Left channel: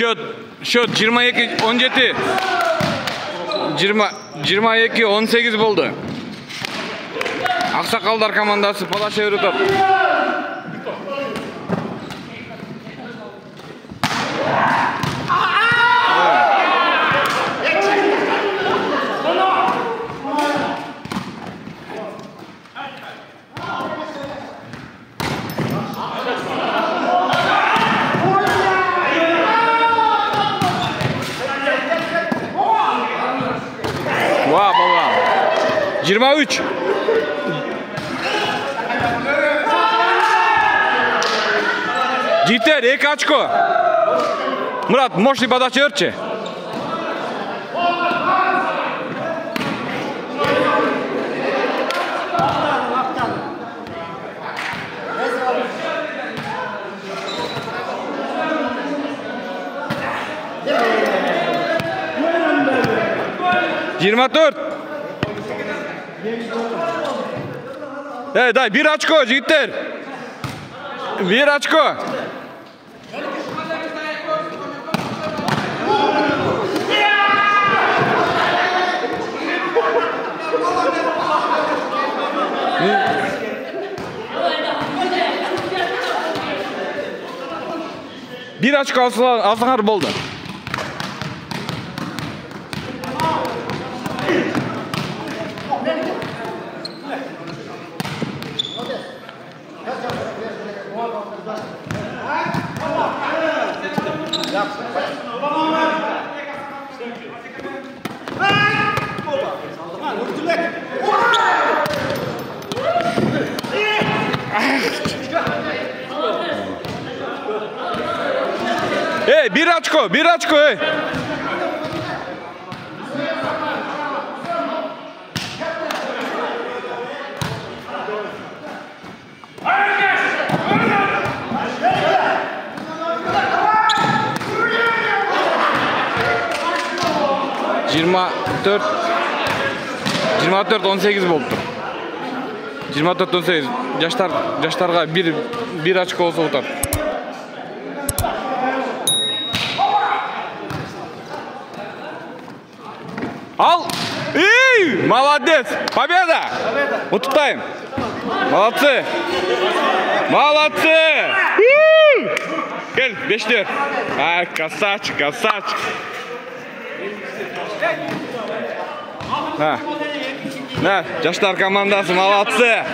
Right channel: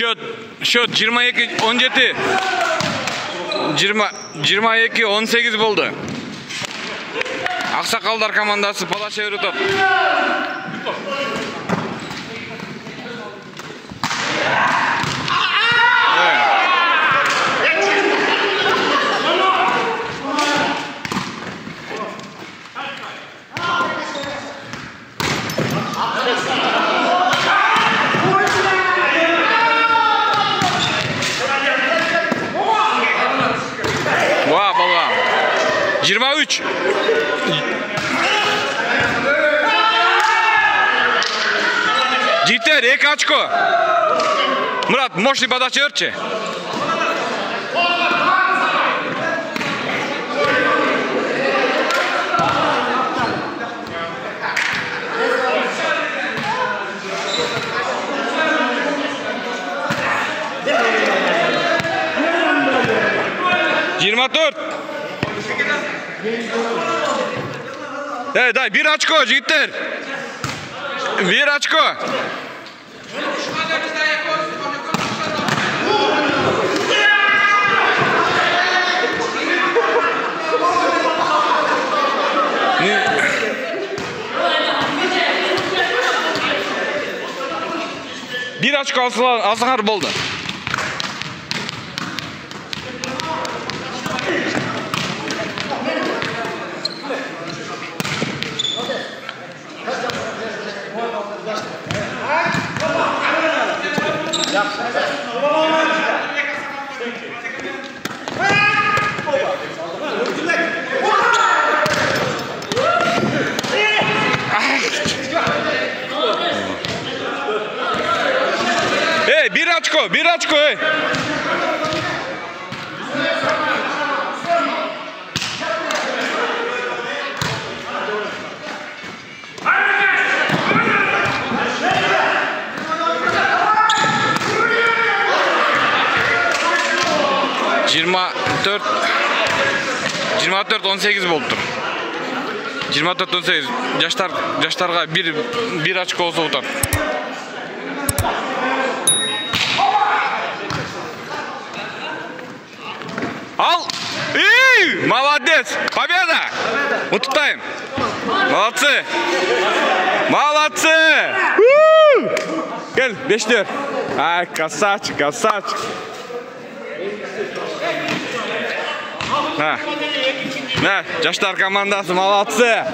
Şut 22-17. 22-18 boldu. Aksakallar komandası pala çevirip. Vah baba. 23. Jiter, ek очко. Murat, мощный подача örçe. Dört. Дай, bir очко, Jiter. Bir очко. Bir açık alsınlar boldu. Hey, bir açko, hey. Жиырма төрт 18 болуптур. 24-18 жаштарга bir очко болсо утат. Ал! Молодец! Победа! Утутайм! Молодцы! Молодцы! Gel, 5'ler. Ay, красавчик. Ha, жаштар командасы молодцы!